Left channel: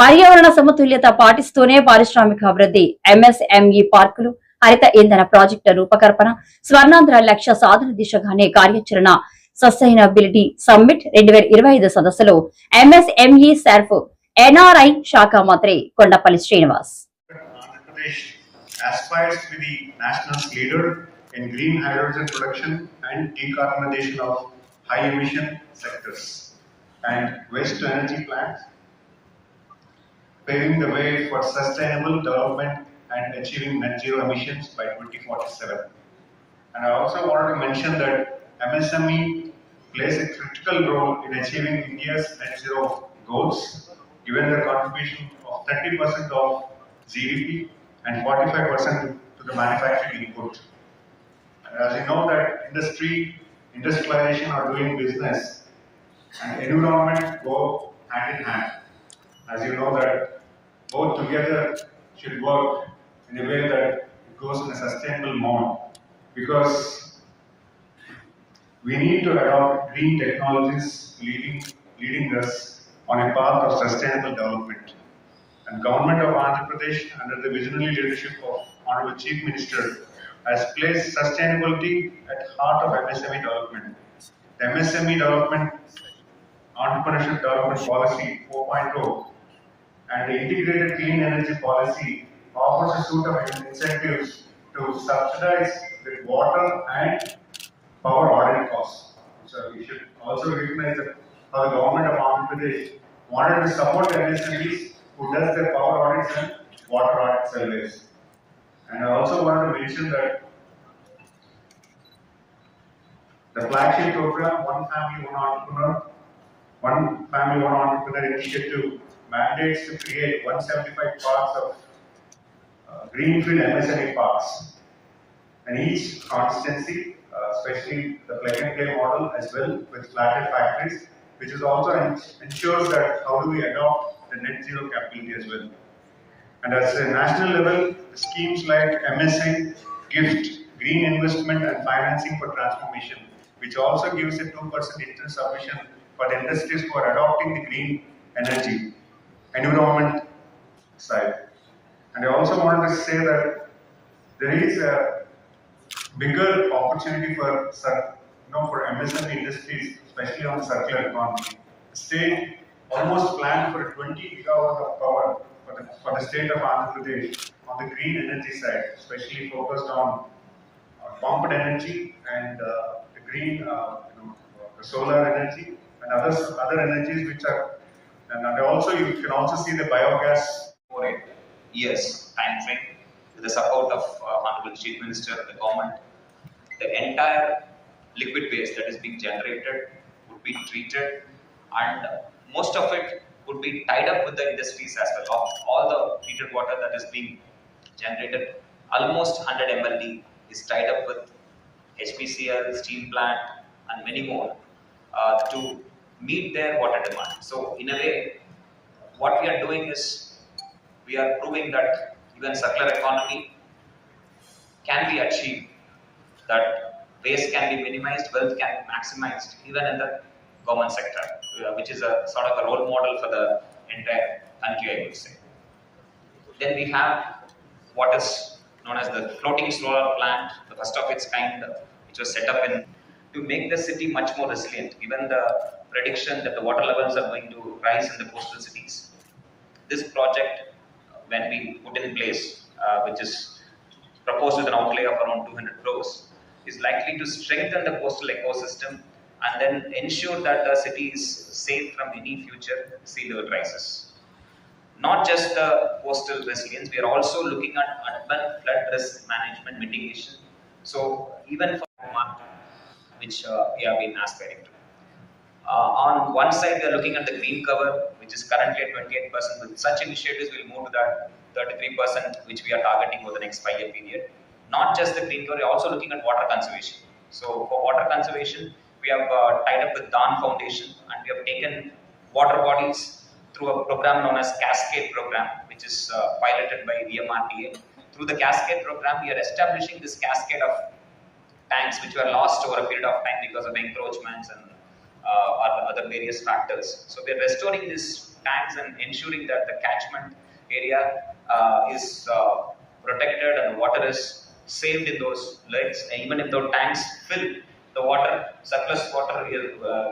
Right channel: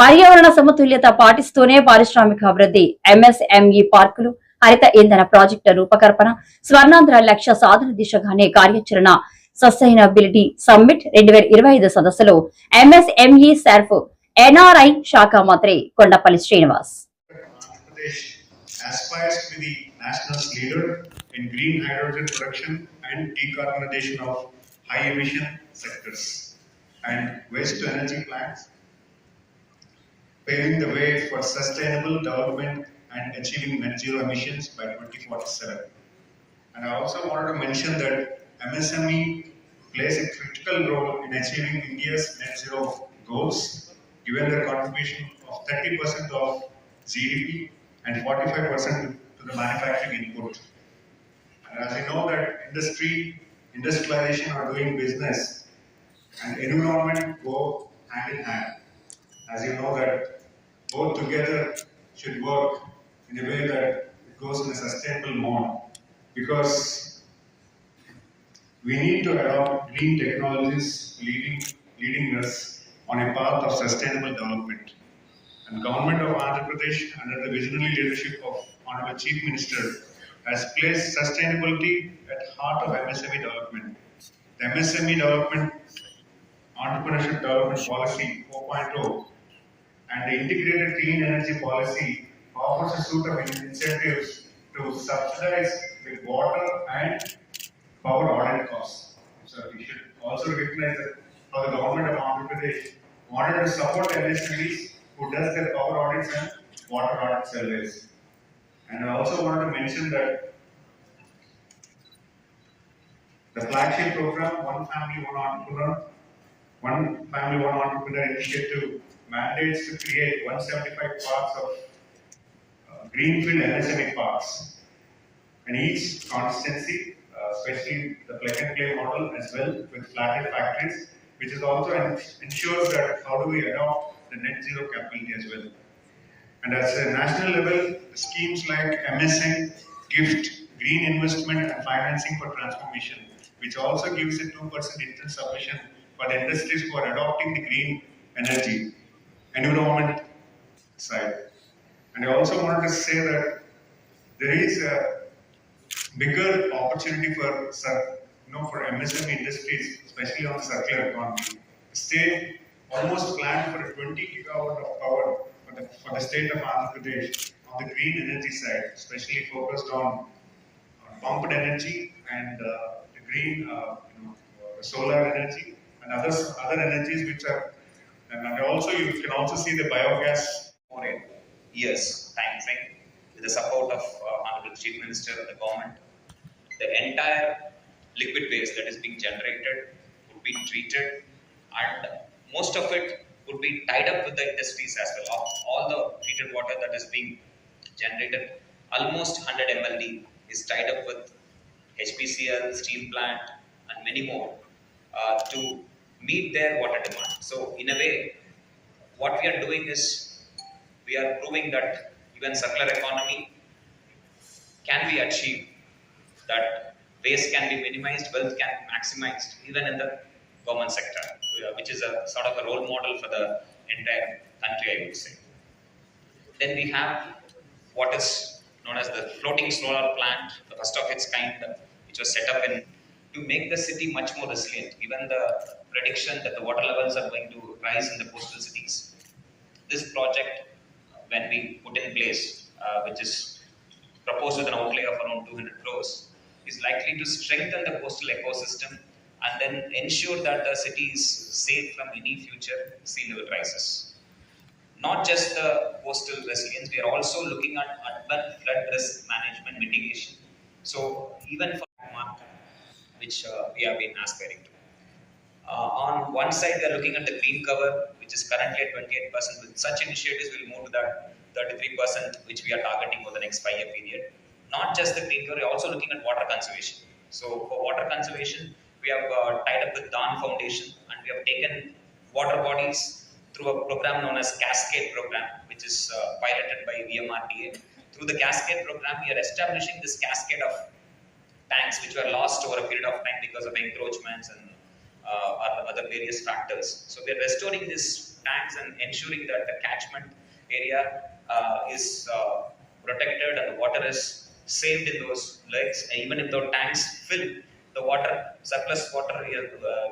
పర్యావరణ సమతుల్యత పాటిస్తూనే పారిశ్రామిక అభివృద్ధి, ఎంఎస్ఎంఈ పార్కులు, హరిత ఇంధన ప్రాజెక్టుల రూపకల్పన, స్వర్ణాంధ్ర లక్ష్య సాధన దిశగానే కార్యాచరణ. సస్టైనబిలిటీ సమ్మిట్ 2025 సదస్సులో ఎంఎస్ఎంఈ సెర్ఫ్ ఎన్ఆర్ఐ శాఖ మంత్రి Kondapalli Srinivas. Aspires to be the nation's leader in green hydrogen production and decarbonization of high emission sectors and waste to energy plants, paving the way for sustainable development and achieving net zero emissions by 2047. And I also wanted to mention that MSME plays a critical role in achieving India's net zero goals, given their contribution of 30% of GDP and 45% to the manufacturing input. And as you know that industrialization or doing business and environment go hand in hand. As you know that both together should work in a way that it goes in a sustainable mode, because we need to adopt green technologies leading us on a path of sustainable development. And Government of Andhra Pradesh, under the visionary leadership of Honorable Chief Minister, has placed sustainability at heart of MSME development. The MSME development Entrepreneurship Development Policy 4.0 and the Integrated Clean Energy Policy offers a suite of incentives to subsidize the water and power audit costs. So we should also recognize that how the government of Andhra Pradesh wanted to support MSMEs who does their power audits and water audit surveys. And I also wanted to mention that the flagship program, One Family One Entrepreneur initiative mandates to create 175 parks of greenfield MSME parks, and each constituency, especially the plug and play model as well with flatted factories, which is also ensures that how do we adopt the net zero capability as well. And at a national level, schemes like MSA, GIFT, Green Investment and Financing for Transformation, which also gives a 2% interest submission for the industries who are adopting the green energy, environment side. And I also wanted to say that there is a bigger opportunity for MSME industries, especially on the circular economy. The state almost planned for a 20 gigawatt of power for the state of Andhra Pradesh on the green energy side, especially focused on pumped energy and the green, the solar energy and other energies which are, and also you can also see the biogas for a years time frame with the support of Honorable Chief Minister and the government. The entire liquid waste that is being generated would be treated, and most of it would be tied up with the industries as well. All the treated water that is being generated, almost 100 MLD is tied up with HPCL, steel plant and many more to meet their water demand. So in a way, what we are doing is we are proving that even circular economy can be achieved, that waste can be minimized, wealth can be maximized even in the government sector, which is a sort of a role model for the entire country, I would say. Then we have what is known as the floating solar plant, the first of its kind, which was set up to make the city much more resilient, given the prediction that the water levels are going to rise in the coastal cities. This project, when we put in place, which is proposed with an outlay of around 200 crores, is likely to strengthen the coastal ecosystem and then ensure that the city is safe from any future sea level crisis. Not just the coastal resilience, we are also looking at urban flood risk management mitigation. So even for which we have been aspiring to. On one side, we are looking at the green cover, which is currently at 28%. With such initiatives, we'll move to that 33%, which we are targeting over the next 5-year period. Not just the green cover, we are also looking at water conservation. So for water conservation, we have tied up with Dawn Foundation, and we have taken water bodies through a program known as Cascade Program, which is piloted by VMRDA. Through the Cascade Program, we are establishing this cascade of tanks which were lost over a period of time because of encroachments and other various factors. So we are restoring these tanks and ensuring that the catchment area is protected and the water is saved in those lakes. Even if the tanks fill, the water, surplus water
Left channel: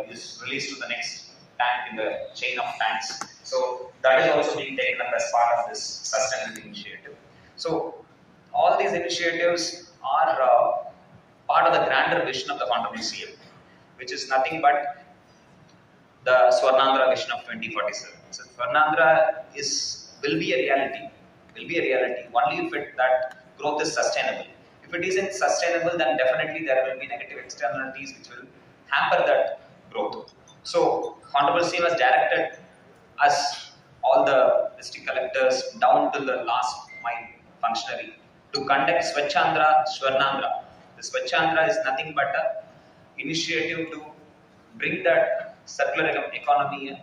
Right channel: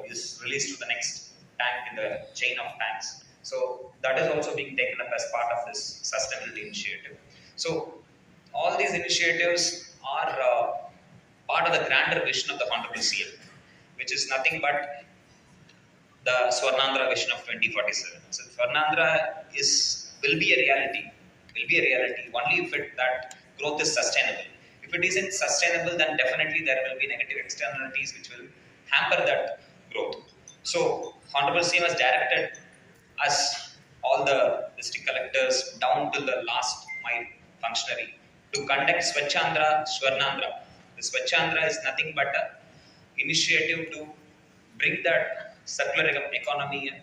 is released to the next tank in the chain of tanks. So that is also being taken up as part of this sustainability initiative. So all these initiatives are part of the grander vision of the Honorable CM, which is nothing but the Swarnandhra vision of 2047. So Swarnandhra will be a reality. Will be a reality only if that growth is sustainable. If it isn't sustainable, then definitely there will be negative externalities which will hamper that growth. So Honorable CM has directed us, all the district collectors down to the last mile functionary, to conduct Swachandra Swarnandhra. The Swachandra is nothing but a initiative to bring that circular economy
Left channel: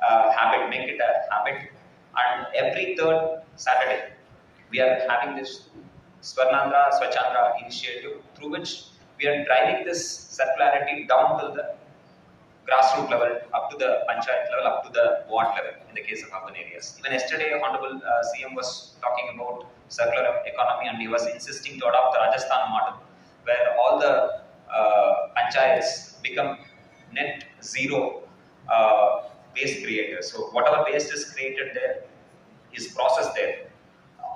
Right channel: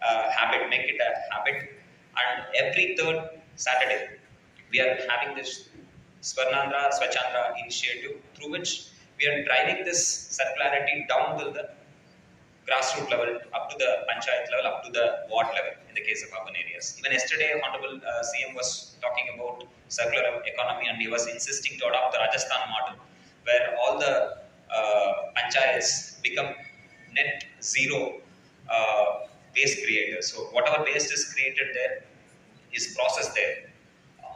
habit, make it a habit. And every third Saturday, we are having this Swarnandhra Swachandra initiative, through which we are driving this circularity down to the grassroots level, up to the panchayat level, up to the ward level in the case of urban areas. Even yesterday, Honorable CM was talking about circular economy, and he was insisting to adopt the Rajasthan model, where all the panchayats become net zero waste creators. So whatever waste is created there is processed there.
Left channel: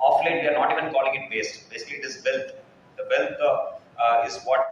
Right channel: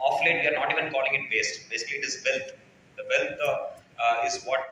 Of late, we are not even calling it waste. Basically, it is wealth. The wealth is what